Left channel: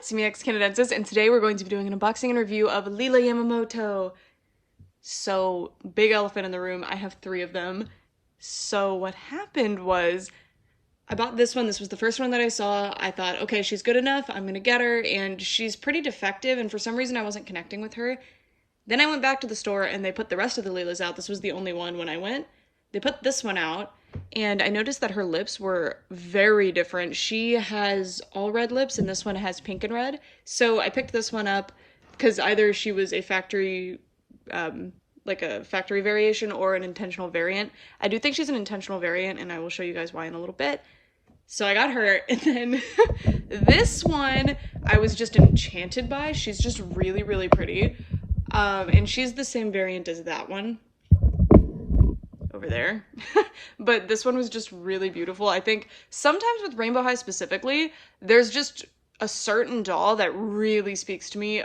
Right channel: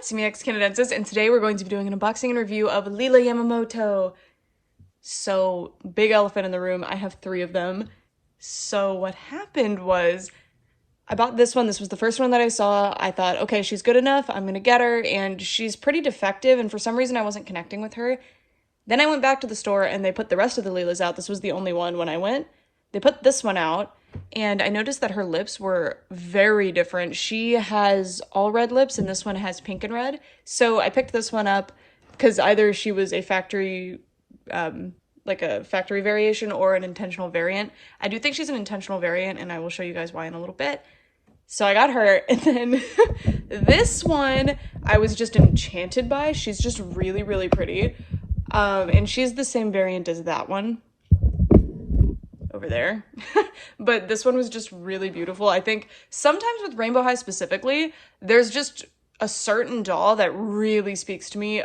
it's me, Canadensis, and today we're going to be doing an unboxing and review of LILA YAMAMOTO. So, big elephant in the room, I have 3 of them. So what happened was, I bought this one. This was the first one that I saw. I thought, okay, she's good enough, I'm gonna get her, and she's pretty defective, and for some reason I wasn't connecting with her. Then I went back to the store and they put the rest of the LILAs out. This was the only one when I went. They put this one out, and I noticed that her lips were very different. She has all red lips, and this one has pink and red. So I picked this one up because either she was a factory, like a factory variation or an intentional variant. I do think she's an intentional variant, and I will show you guys why in a little bit. So I got her, and then this one I was just enchanted by. She's just really, really pretty. And she's the same variant as that one over there. But this one was just really beautiful. I think sometimes with Rainbow High specifically, there's just a certain doll that really speaks to me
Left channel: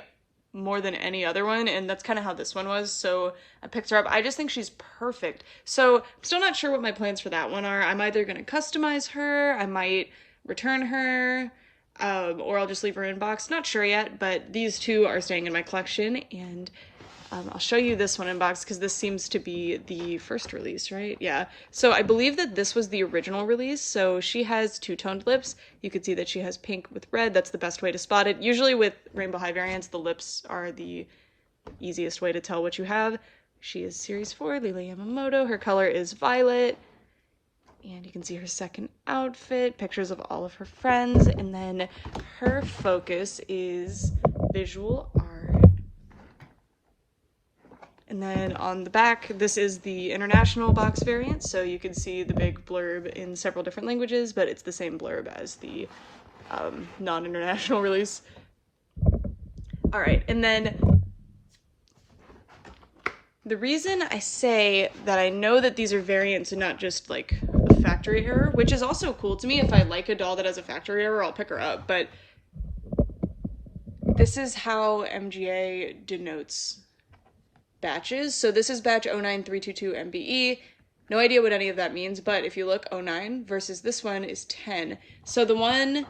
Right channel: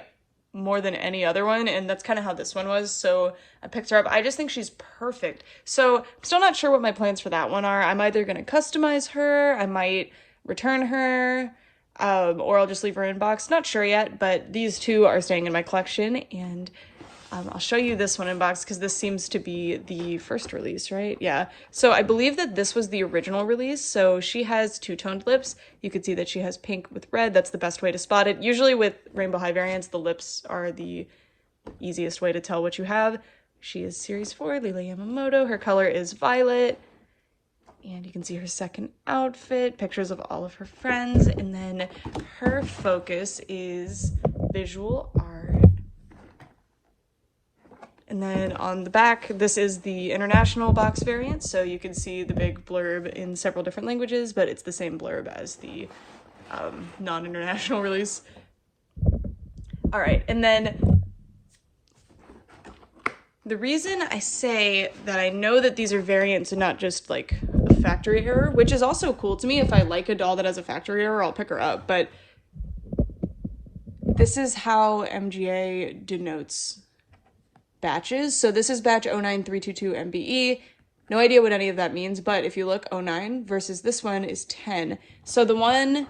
more than any other one, and that's kind of how this one was. So I picked her up. I just think she's perfect. So I'm still not sure what my plans for that one are. I'm either going to customize her, I might return her, or I'll just leave her in box. Not sure yet, but these 2 are staying in my collection, and I'll show you this one in box because this seems to be the first release, right? Yeah. So I believe that this was the original release. So she has 2-toned lips. You can see that she has pink with red. That's the best way to spot it. Usually with Rainbow High variants, the lips are the easiest way to tell what you have. She is Series 4, LILA YAMAMOTO. Her color is violet. And you can see her second outfit, pictures of all of her friends, and then her focus is visual art. And then on the back, this is the international box variant, so you can see the big blurb in several different languages, but it's the same blurb as the non-international release. All right, and then the reason I say that I know that these are variants and not just like a factory error, which is also cool to me. If I like a doll that has a factory error, I'll pick her up, but this is how MGA denotes batches. So this is batch 09322 MBE. No idea what any of that means, but if you look, 09 versus this one is 10. So the one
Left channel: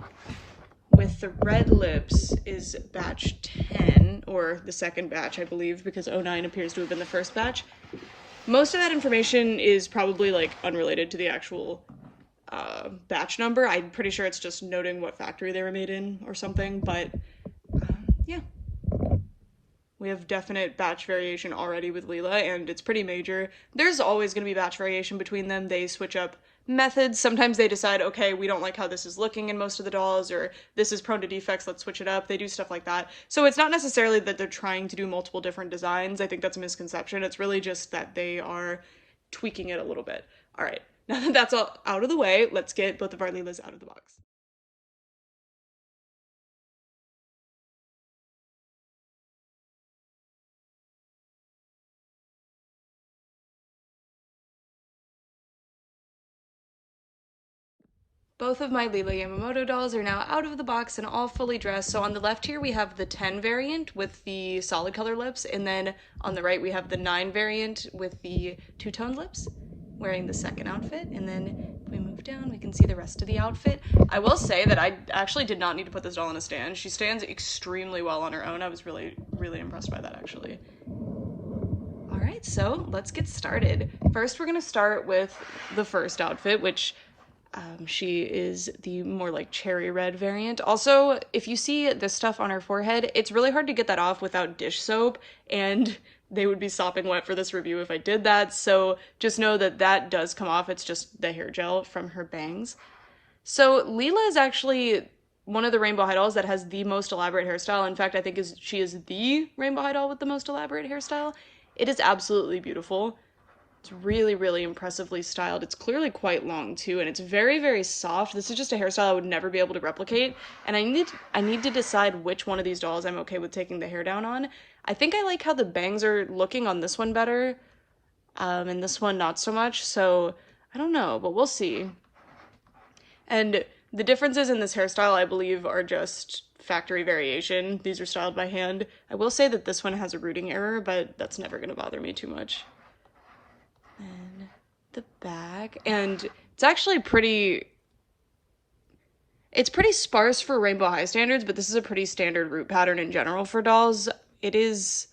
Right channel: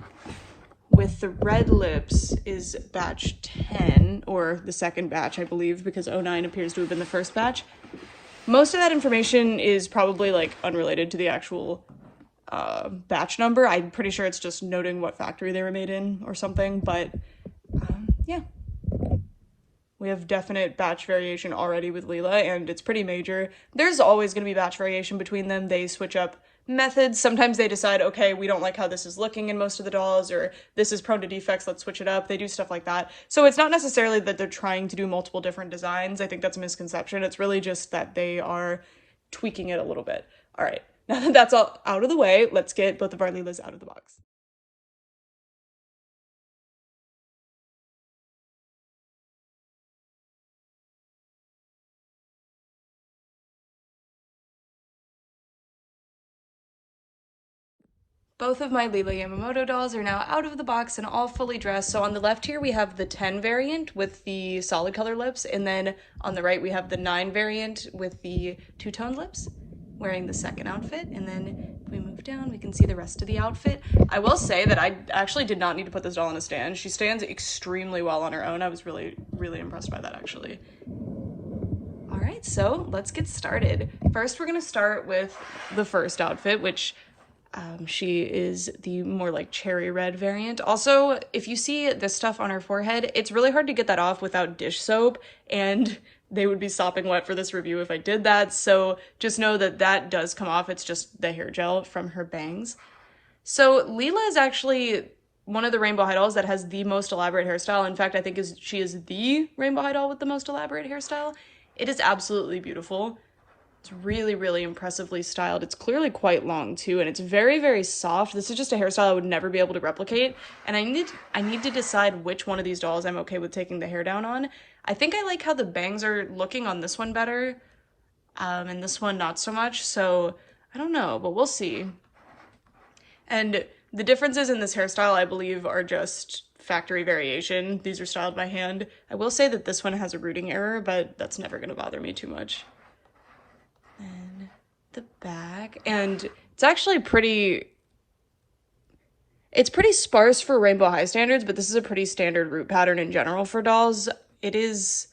with the red lips is batch 10, or the second batch, I believe, because 09 appears to have been the first batch. Most of that information is probably like unrelated to the actual batch number. I'm pretty sure it's just noting what factory they were made in or something, but yeah. We have definite batch variation already with LILA, and it's pretty major. There's always going to be batch variation between them. They switch up methods. Sometimes they decide, okay, we don't like how this is looking in most of the dolls, or this is prone to defects, let's switch it up. They do stuff like that. So it's not necessarily that they're trying to do multiple different designs. I think that's a misconception. It's really just that they are tweaking it a little bit. All right, now that that's all out of the way, let's get both of our LILAs out of the box. Both of my LILA YAMAMOTO dolls are now out of the box and all fully dressed. So on the left here, we have the 10 variant with the solid color lips. And then on the right, we have the 9 variant with the 2-toned lips, wearing the second outfit. And then if we move down, we can see the rest of the outfit. I will say that I actually did not need to put this doll on a stand. She stands extremely well on her own. I was really, really impressed by that, actually. All right, so let's get started. First, we're gonna start with the first outfit, which she is the more like cherry red variant. Also, if you see this stuff on her forehead, it's really hard to get that off without dish soap, and they would be sopping wet for this review if I did that, so just know that that does come off. It's just the hair gel from her bangs. So LILA is actually one of the Rainbow High dolls that has the most elaborate hairstyle. In fact, I think she is the Rainbow High doll with the most elaborate hairstyle. It is absolutely beautiful. It's really, really impressively styled. It's clearly quite long too, and it's very, very soft. This is just a hairstyle I would never be able to replicate, and I need to decide which one of these dolls I'm okay with taking the hair down on. I think I like how the bangs are looking on this one better, and this one not so much, so I don't know, but we'll see. And the differences in this hairstyle, I believe, are just factory variation. These are styled by hand. I will say that this one has a rooting error, but that's never going to bother me too much. And the back, and it's actually pretty It's pretty sparse for Rainbow High standards, but this is a pretty standard root pattern in general for dolls. It is,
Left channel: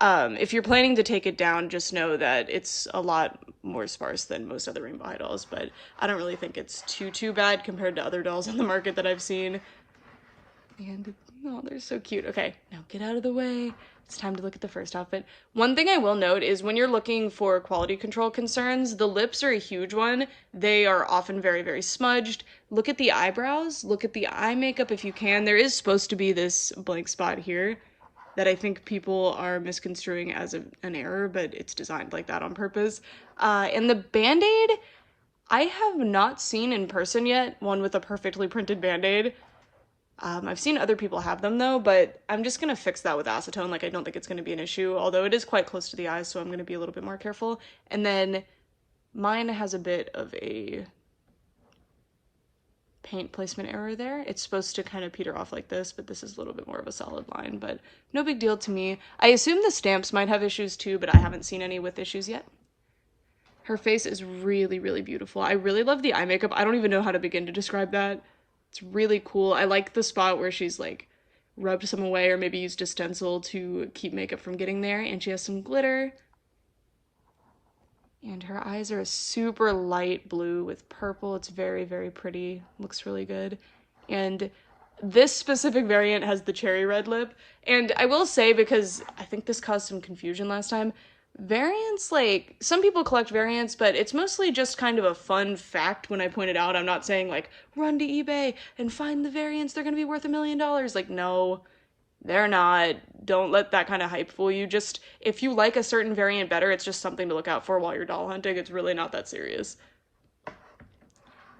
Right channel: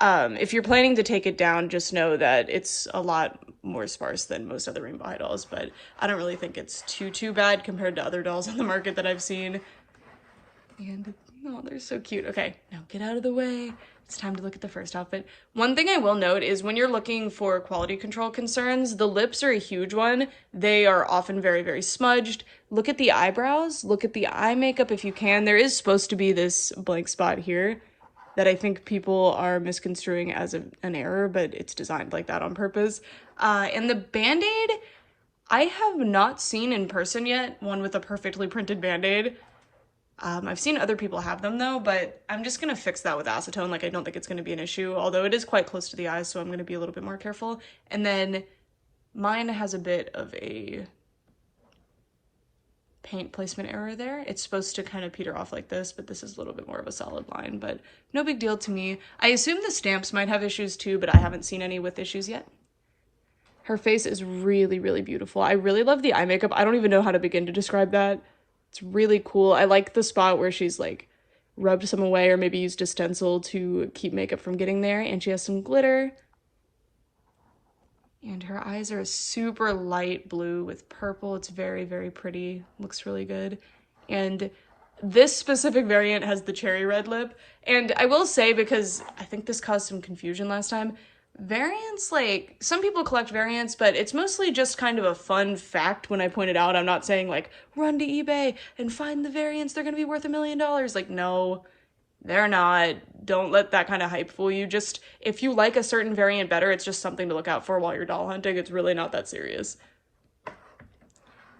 if you're planning to take it down, just know that it's a lot more sparse than most other Rainbow High dolls, but I don't really think it's too bad compared to other dolls on the market that I've seen. And, oh, they're so cute. Okay, now get out of the way. It's time to look at the first outfit. One thing I will note is when you're looking for quality control concerns, the lips are a huge one. They are often very smudged. Look at the eyebrows. Look at the eye makeup if you can. There is supposed to be this blank spot here that I think people are misconstruing as an error, but it's designed like that on purpose. And the Band-Aid, I have not seen in person yet one with a perfectly printed Band-Aid. I've seen other people have them though, but I'm just gonna fix that with acetone. Like, I don't think it's gonna be an issue, although it is quite close to the eyes, so I'm gonna be a little bit more careful. And then mine has a bit of a paint placement error there. It's supposed to kind of peter off like this, but this is a little bit more of a solid line, but no big deal to me. I assume the stamps might have issues too, but I haven't seen any with issues yet. Her face is really beautiful. I really love the eye makeup. I don't even know how to begin to describe that. It's really cool. I like the spot where she's like rubbed some away or maybe used a stencil to keep makeup from getting there. And she has some glitter. And her eyes are a super light blue with purple. It's very pretty. Looks really good. And this specific variant has the cherry red lip. And I will say, because I think this caused some confusion last time, variants, like, some people collect variants, but it's mostly just kind of a fun fact when I point it out. I'm not saying, like, run to eBay and find the variants, they're gonna be worth $1 million. Like, no, they're not. Don't let that kind of hype fool you. Just, if you like a certain variant better, it's just something to look out for while you're doll hunting. It's really not that serious.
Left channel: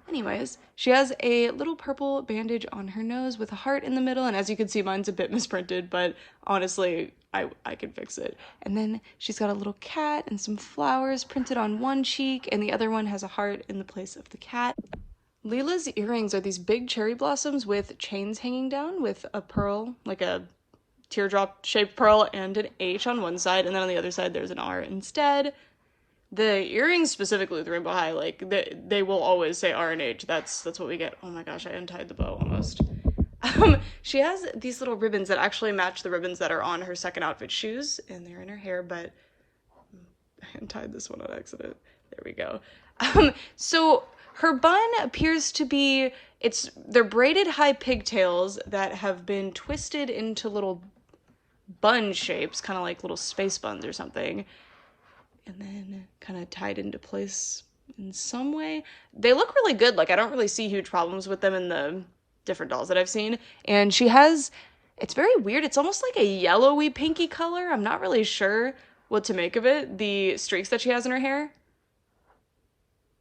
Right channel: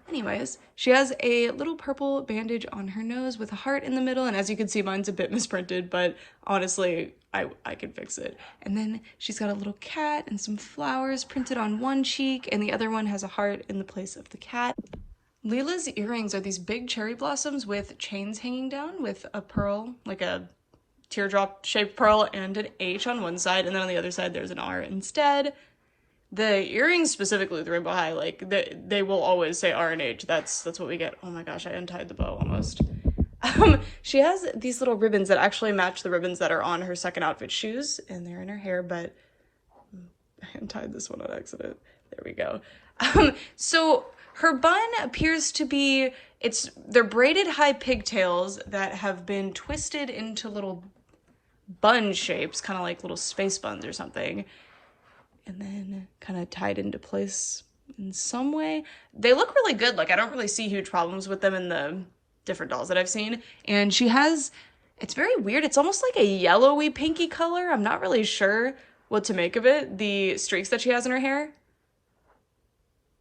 Anyways, she has a little purple bandage on her nose with a heart in the middle, and as you can see, mine's a bit misprinted, but honestly, I can fix it. And then she's got a little cat and some flowers printed on one cheek, and the other one has a heart in the place of the cat. Lila's earrings are these big cherry blossoms with chains hanging down with a pearl, like a teardrop-shaped pearl, and an H on one side, and then on the other side there's an R instead. The earrings specifically with Rainbow High, like, they will always say R and H. That's what we get. Oh my gosh, I untied the bow almost. She has these little ribbons that actually match the ribbons that are on her second outfit shoes, and they're in her hair, but I untied this one on accident. There we go. So her bun appears to be, they're braided high pigtails that have been twisted into little bun shapes, kind of like little space buns or something, and then kind of tied into place in some way. They look really good. Like, I don't really see huge problems with them in the different dolls that I've seen. And she has, it's very weird. It's almost like a yellowy pinky color. I'm not really sure what to make of it. The streaks that she has in her hair.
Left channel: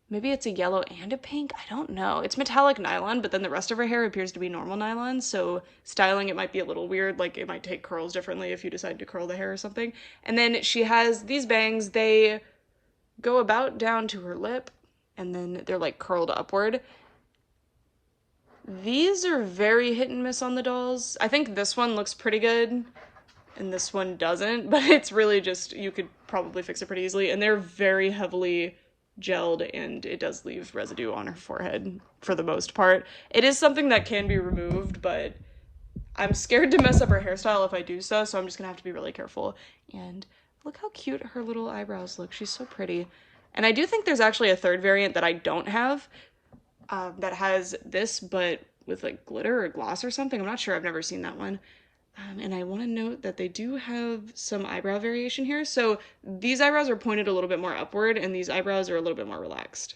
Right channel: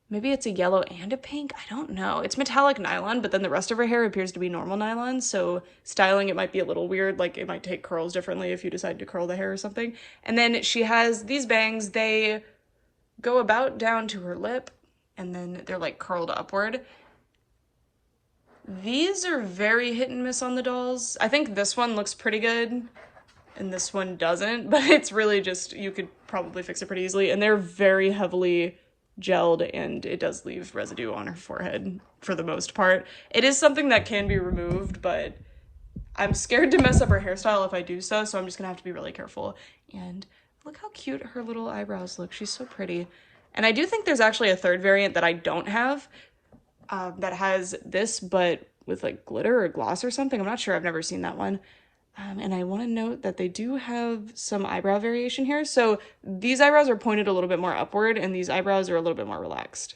Maybe it's a yellow and a pink. I don't know. It's metallic nylon, but then the rest of her hair appears to be normal nylon. So styling it might be a little weird. Like, it might take curls differently if you decide to curl the hair or something. And then she has these bangs. They go about down to her lip, and then they're like curled upward. These are very hit and miss on the dolls. I think this one looks pretty good and this one doesn't, but it's really just, you could probably fix it pretty easily. And they're very heavily gelled, and it does leave residue on her forehead for the most part. It is something that can be removed, but I'm scared to mess up her hairstyle if I do so I'm just gonna have to be really careful. And look how cute her little eyebrows look. She's so pretty. And I do think there's actually a third variant that I don't have, that has this, but with like glitter or gloss or something. I'm not sure. I've never seen that one. And I want to note that they do have some eyebrow variation here. So these eyebrows are pointed a little bit more upward, and these eyebrows are a little bit more relaxed.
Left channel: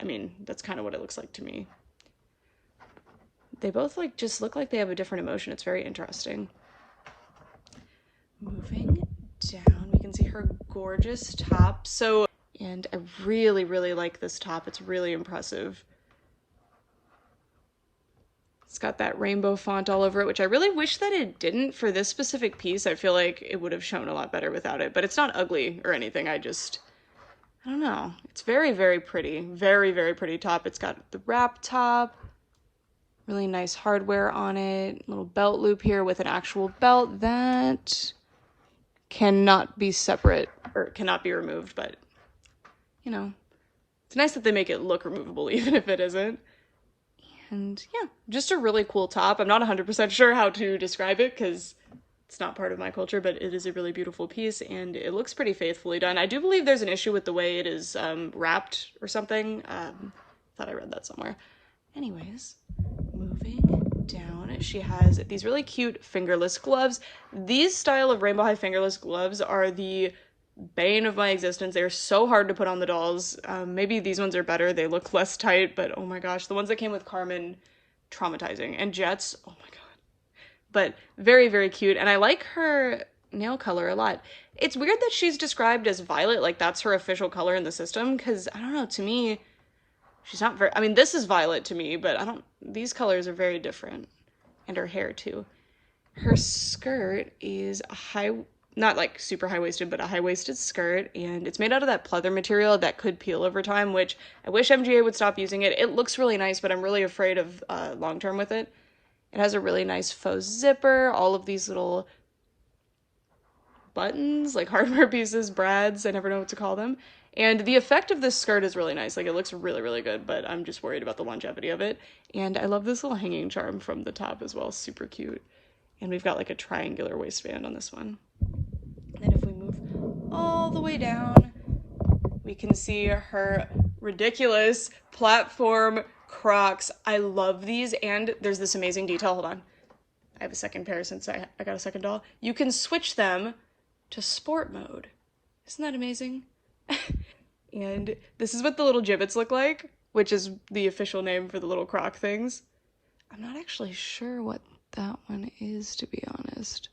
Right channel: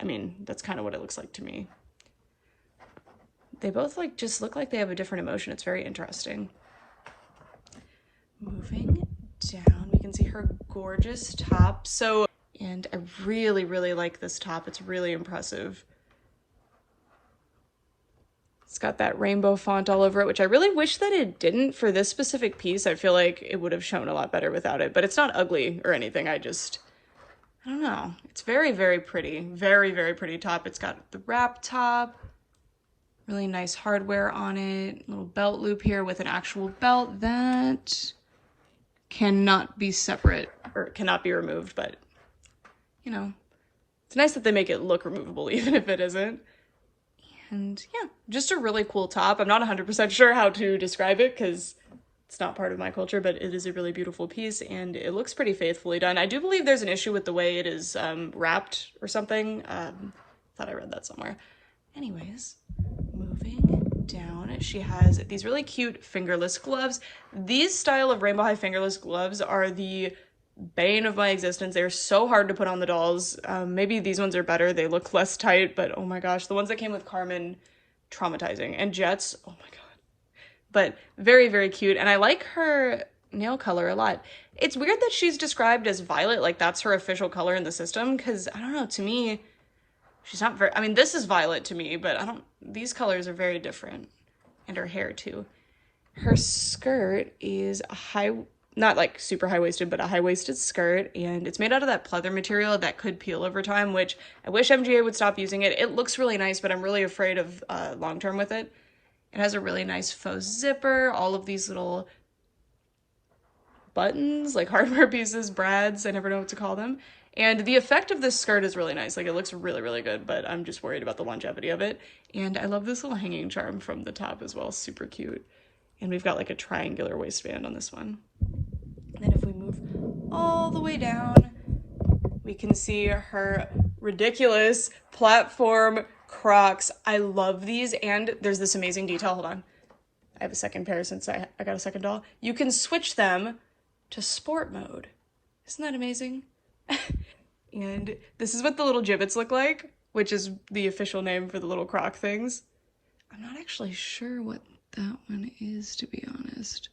I mean, that's kind of what it looks like to me. They both like just look like they have a different emotion. It's very interesting. Moving down, we can see her gorgeous top. And I really like this top. It's really impressive. It's got that rainbow font all over it, which I really wish that it didn't for this specific piece. I feel like it would have shown a lot better without it, but it's not ugly or anything. I don't know. It's very pretty. Very pretty top. It's got the wrap top, really nice hardware on it, little belt loop here with an actual belt that cannot be separate or cannot be removed, but you know, it's nice that they make it look removable even if it isn't. And yeah, just a really cool top. I'm not 100% sure how to describe it because it's not part of my culture, but it is a really beautiful piece and it looks pretty faithfully done. I do believe there's an issue with the way it is wrapped or something. Thought I read that somewhere. Anyways, moving down, she has these really cute fingerless gloves. These style of rainbow high fingerless gloves are the bane of my existence. They're so hard to put on the dolls. Maybe these ones are better. They look less tight, but oh my gosh, the ones that came with Carmen, traumatizing. And Jets, oh my god. But very, very cute. And I like her nail color a lot. It's weird that she's described as violet, like that's her official color in the system, because I don't know, to me, she's not very, I mean, this is violet to me, but these colors are very different. And her hair too. Her skirt is a high, not like super high-waisted, but a high-waisted skirt, and it's made out of that pleather material that could peel over time, which I wish MGA would stop using it. It looks really nice, but I'm really afraid of long-term with it. It has a really nice faux zipper, all of these little buttons, like hardware pieces, brads, I never know what to call them. And the effect of this skirt is really nice. Like, it looks really, really good, but I'm just worried about the longevity of it. And I love this little hanging charm from the top as well, super cute. And we've got like a triangular waistband on this one. And then if we move all the way down, we can see her ridiculous platform Crocs. I love these, and there's this amazing detail. Hold on. I have a second pair since I got a second doll. You can switch them to sport mode. Isn't that amazing? And this is what the little gibbets look like, which is the official name for the little Croc things. I'm not actually sure what that one is, to be honest.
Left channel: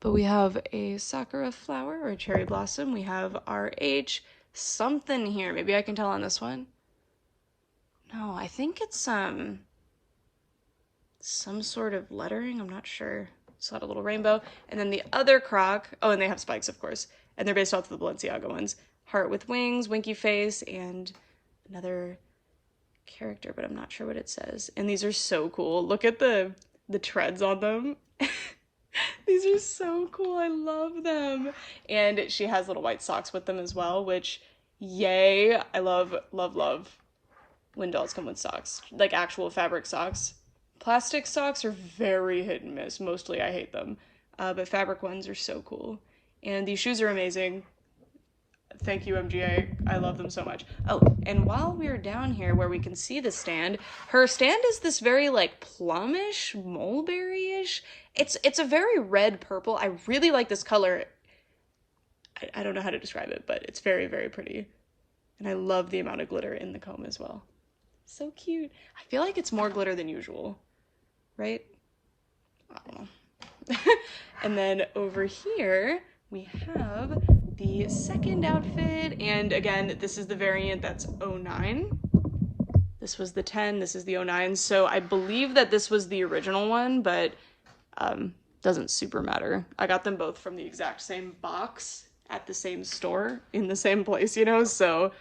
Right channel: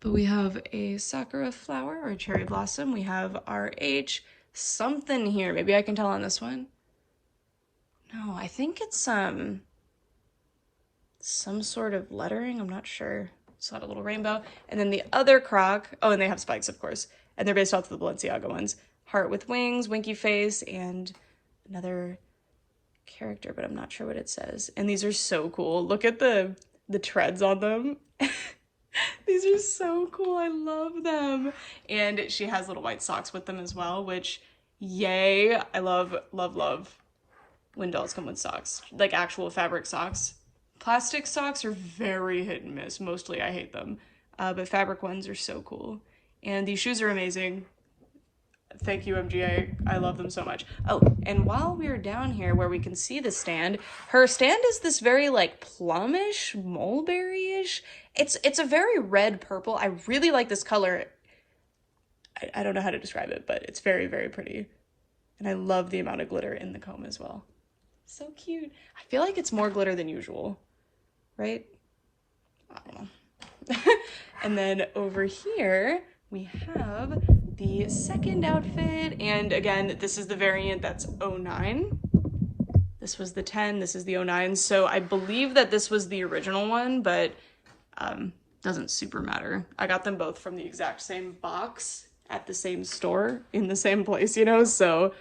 But we have a sakura flower or a cherry blossom. We have our H something here. Maybe I can tell on this one. No, I think it's some sort of lettering. I'm not sure. It's got a little rainbow. And then the other Croc, oh, and they have spikes, of course. And they're based off of the Balenciaga ones. Heart with wings, winky face, and another character, but I'm not sure what it says. And these are so cool. Look at the treads on them. These are so cool. I love them. And she has little white socks with them as well, which, yay. I love, love, love when dolls come with socks, like actual fabric socks. Plastic socks are very hit and miss. Mostly I hate them, but fabric ones are so cool. And these shoes are amazing. Thank you, MGA. I love them so much. Oh, and while we're down here where we can see the stand, her stand is this very like plumish, mulberry-ish. It's a very red purple. I really like this color. I don't know how to describe it, but it's very, very pretty. And I love the amount of glitter in the comb as well. So cute. I feel like it's more glitter than usual, right? I don't know. And then over here, we have the second outfit. And again, this is the variant that's 09. This was the 10, this is the 09. So I believe that this was the original one, but doesn't super matter. I got them both from the exact same box at the same store in the same place, you know? So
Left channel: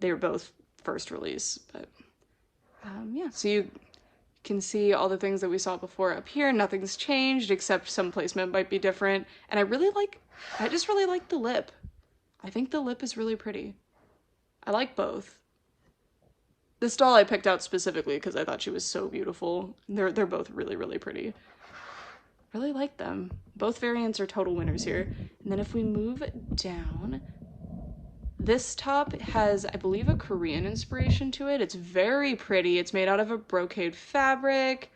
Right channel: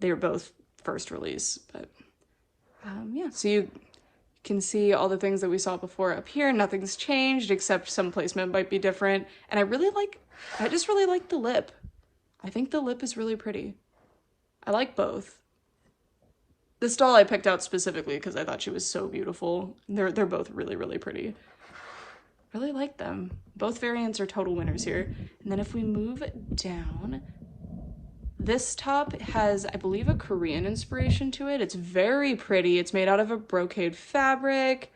they were both first release, but yeah, so you can see all the things that we saw before up here. Nothing's changed except some placement might be different. And I just really like the lip. I think the lip is really pretty. I like both. This doll I picked out specifically because I thought she was so beautiful. They're both really, really pretty. Really like them. Both variants are total winners here. And then if we move down, this top has, I believe, a Korean inspiration to it. It's very pretty. It's made out of a brocade fabric.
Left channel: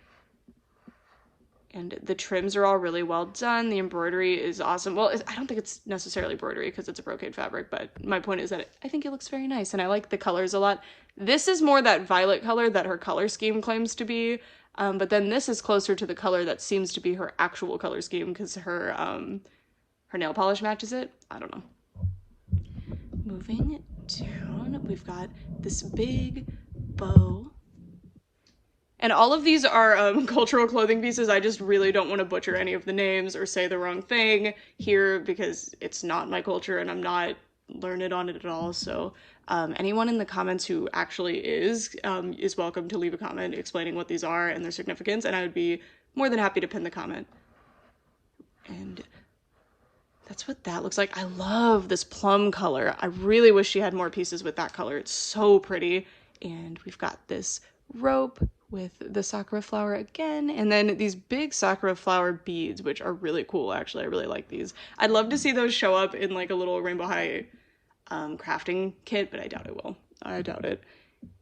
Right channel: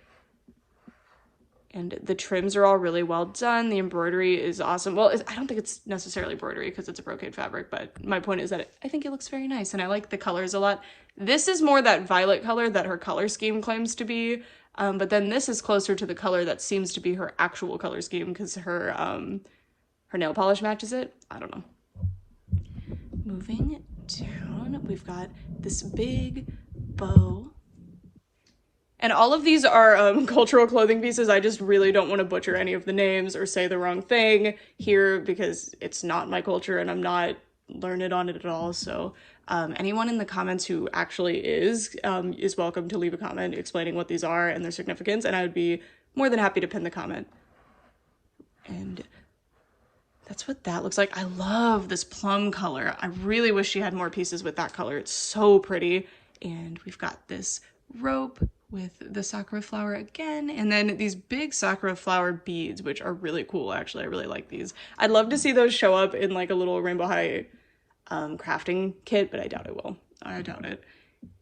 And the trims are all really well done. The embroidery is awesome. Well, I don't think it's necessarily embroidery because it's a brocade fabric, but my point is that I think it looks very nice and I like the colors a lot. This is more that violet color that her color scheme claims to be, but then this is closer to the color that seems to be her actual color scheme because her nail polish matches it. I don't know. Moving down, we've got this big bow. And all of these are cultural clothing pieces. I just really don't want to butcher any of the names or say the wrong thing here because it's not my culture and I'm not learned on it at all. So anyone in the comments who actually is welcome to leave a comment explaining what these are and their significance, and I would be more than happy to pin the comment. And that's what that looks like. I love this plum color. I really wish she had more pieces with that color. It's so pretty. And we've got this rope with the sakura flower again, and then these big sakura flower beads, which are really cool. Actually, I really like these. I'd love to see those show up in like a little Rainbow High crafting kit, but I doubt it will. I doubt it.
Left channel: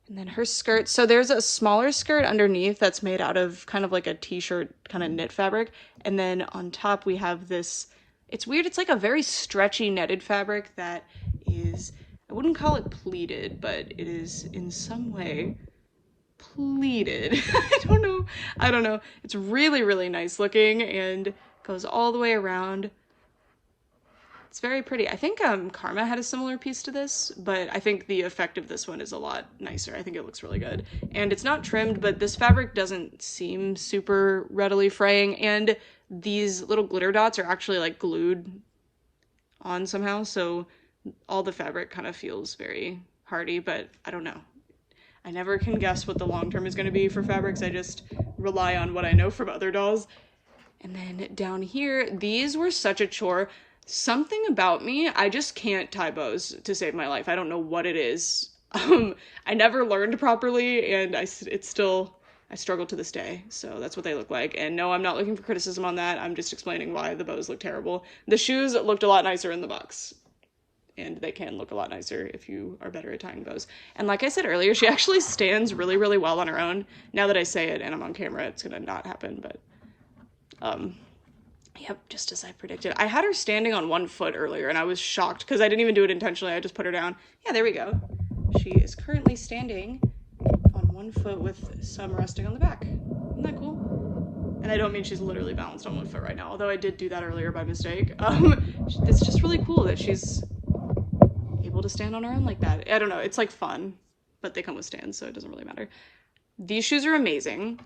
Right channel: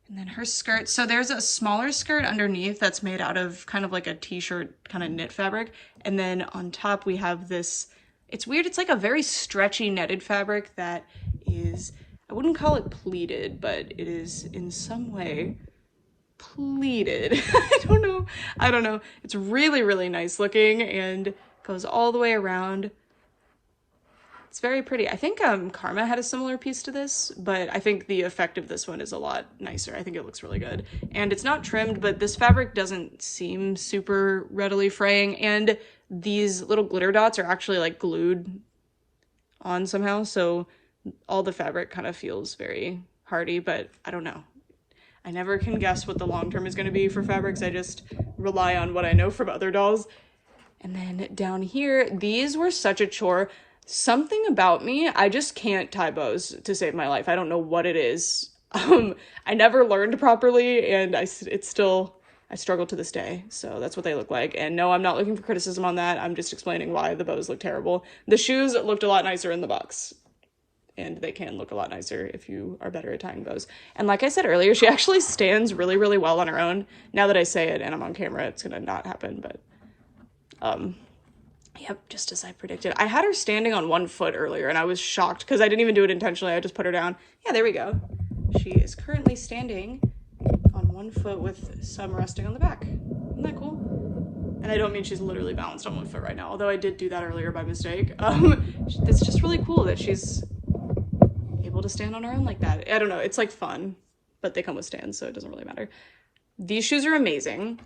And then her skirt, so there's a smaller skirt underneath that's made out of kind of like a t-shirt kind of knit fabric, and then on top we have this, it's weird, it's like a very stretchy netted fabric that is, I wouldn't call it pleated, but it is in some way pleated. I don't know. It's really, really nice looking and goes all the way around. It's very pretty. I think Karma had a similar piece to this, but I think the effect of this one is a lot nicer. I think it looks really good. And it's not trimmed, but this fabric doesn't seem super readily fraying, and these little glitter dots are actually like glued on somehow, so all the fabric kind of feels very hardy, but I don't know. I never can guess what the long term is going to be for fabrics. I just rely on what I know from other dolls. And then down here, these were such a chore. Something about me, I just can't tie bows to save my life. I don't know what it is. I never learned properly, and I struggle to this day. So that's what they look like. And no, I'm not looking for criticism on that. I'm just explaining why the bows look terrible. The shoes looked a lot nicer in the box, and they can look a lot nicer if you are better at tying bows. And like I said earlier, she actually stands really, really well on her own. Now that I say it and I'm on camera, it's gonna not happen, but yep, just as I predicted. I had her standing on one foot earlier, and I was shocked because I didn't even do it intentionally. I just put her down. Yeah, there we go. She is currently standing on one foot with some resting on the back. Isn't that cool? And I don't mean she's literally balanced on one foot right now, although I did do that earlier by mistake. It's just really cool that she's able to stand on her own like that. I don't know, it's like fun, but they come with stands, so it doesn't really matter. These shoes are amazing.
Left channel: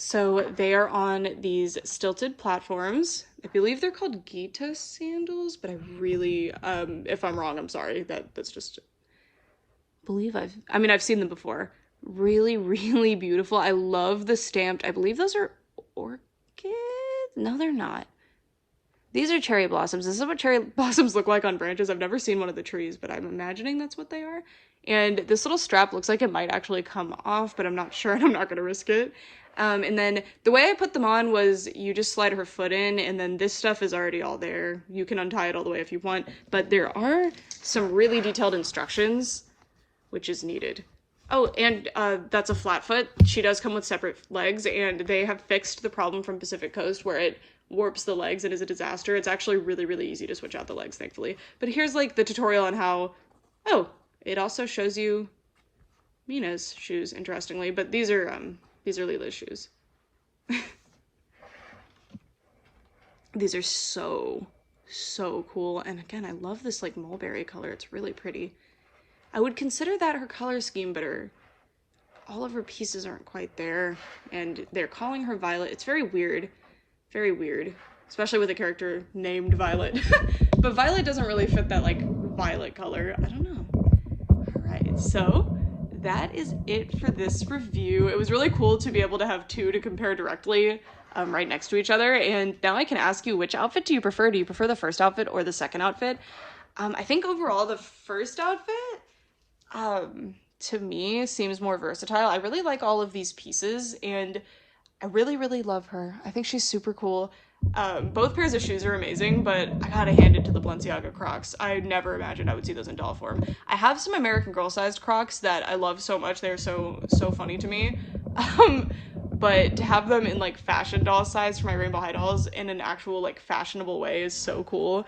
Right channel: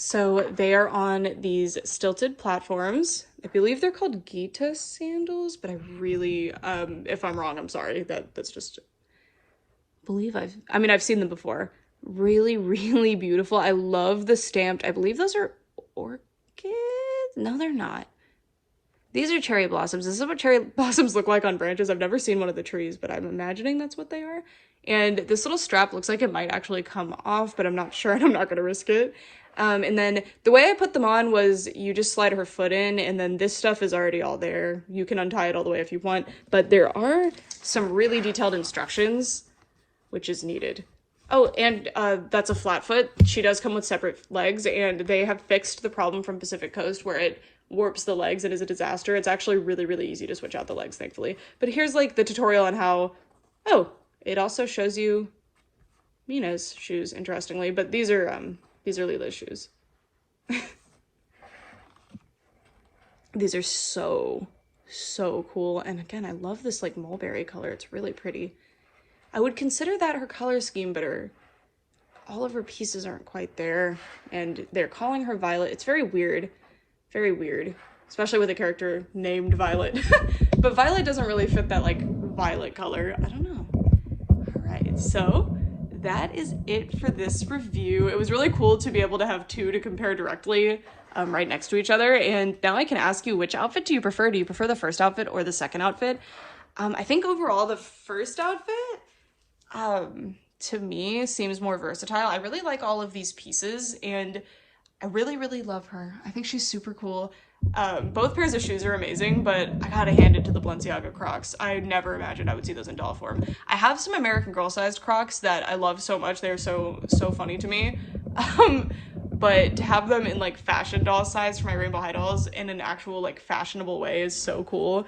So they are on these stilted platforms. I believe they're called Gita sandals, but I really, if I'm wrong, I'm sorry. That's just, I've seen them before. Really, really beautiful. I love the stamped, I believe those are orchids? No, they're not. These are cherry blossoms. This is what cherry blossoms look like on branches. I've never seen one of the trees, but I'm imagining that's what they are. And this little strap looks like it might actually come off, but I'm not sure, and I'm not going to risk it. And then the way I put them on was you just slide her foot in, and then this stuff is already all there. You can untie it all the way if you want, but there are some really detailed instructions, which is needed. Oh, and that's a flat foot. She does come with separate legs, and they have fixed the problem from Pacific Coast where it warps the legs and is a disaster. It's actually really, really easy to switch out the legs, thankfully. But here's like the tutorial on how, oh, it also shows you Mina's shoes, interestingly, but these are Lila's shoes. These are so cool. And again, I love this like mulberry color. It's really pretty. I would consider that her color scheme, but all of her pieces aren't quite there. And they're calling her Violet. It's very weird. Very weird. Especially with a character named Violet. But Violet doesn't really fit that like violet color. I don't know. All right, so that is it for this review. It was really cool to be able to have two to compare directly right next to each other. And now I can ask you, which outfit do you prefer? Do you prefer the first outfit or the second outfit? I think overall the first outfit to me seems more versatile. I really like all of these pieces, and I really, really love her. I think she's super cool. Both pairs of shoes are amazing, but I gotta hand it to the Balenciaga Crocs. I never imagined I would see those in doll form. I have some American Girl sized Crocs that I love so much. They're so funny to me. But to have them in like fashion doll size for my Rainbow High dolls in an actual like fashionable way is so cool.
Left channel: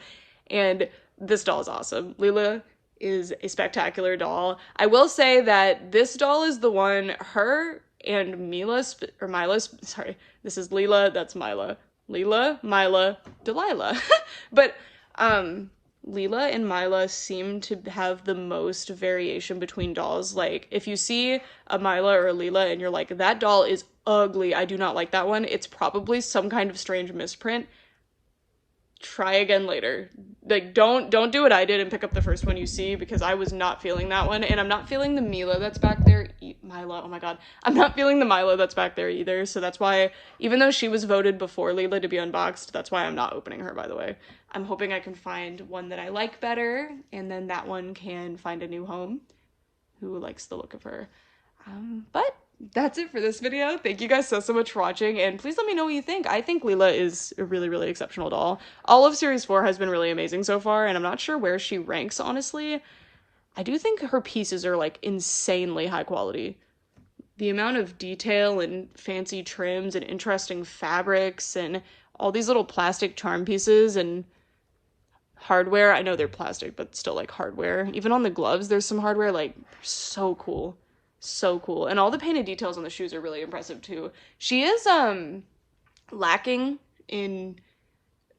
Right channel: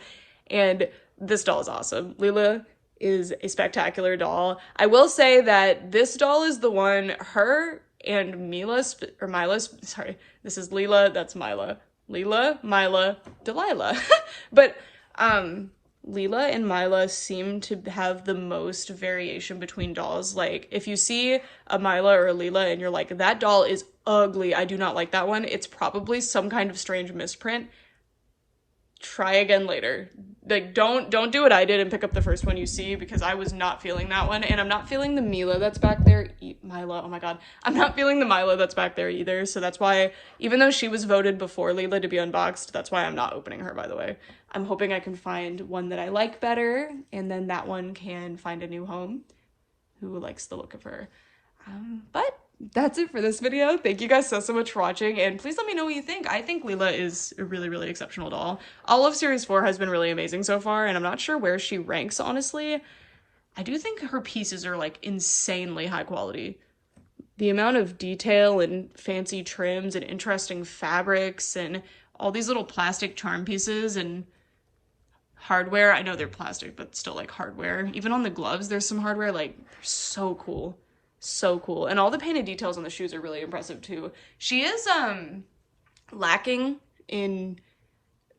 And this doll is awesome. Lila is a spectacular doll. I will say that this doll is the one, her and Mila, sorry, this is Lila, that's Mila. Lila, Mila, Delilah. But Lila and Mila seem to have the most variation between dolls. Like, if you see a Mila or a Lila and you're like, that doll is ugly, I do not like that one, it's probably some kind of strange misprint. Try again later. Like, don't do what I did and pick up the first one you see, because I was not feeling that one, and I'm not feeling the Mila that's back there. Mila, oh my god. I'm not feeling the Mila that's back there either, so that's why, even though she was voted before Lila to be unboxed, that's why I'm not opening her, by the way. I'm hoping I can find one that I like better, and then that one can find a new home. who likes the look of her. But that's it for this video. Thank you guys so much for watching, and please let me know what you think. I think Lila is a really exceptional doll. All of series 4 has been really amazing so far, and I'm not sure where she ranks, honestly. I do think her pieces are like insanely high quality. The amount of detail and fancy trims and interesting fabrics and all these little plastic charm pieces and hardware. I know they're plastic, but still like hardware. Even on the gloves, there's some hardware, like so cool. So cool. And all the painted details on the shoes are really impressive too. She is lacking in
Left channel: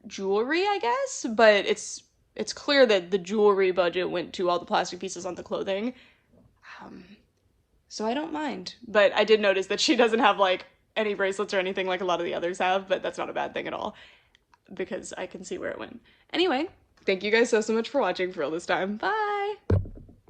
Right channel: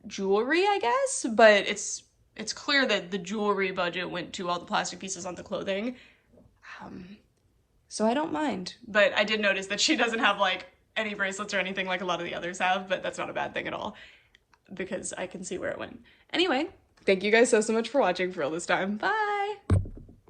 jewelry, I guess, but it's clear that the jewelry budget went to all the plastic pieces on the clothing. So I don't mind. But I did notice that she doesn't have like any bracelets or anything like a lot of the others have, but that's not a bad thing at all because I can see where it went. Anyway, thank you guys so much for watching for all this time. Bye!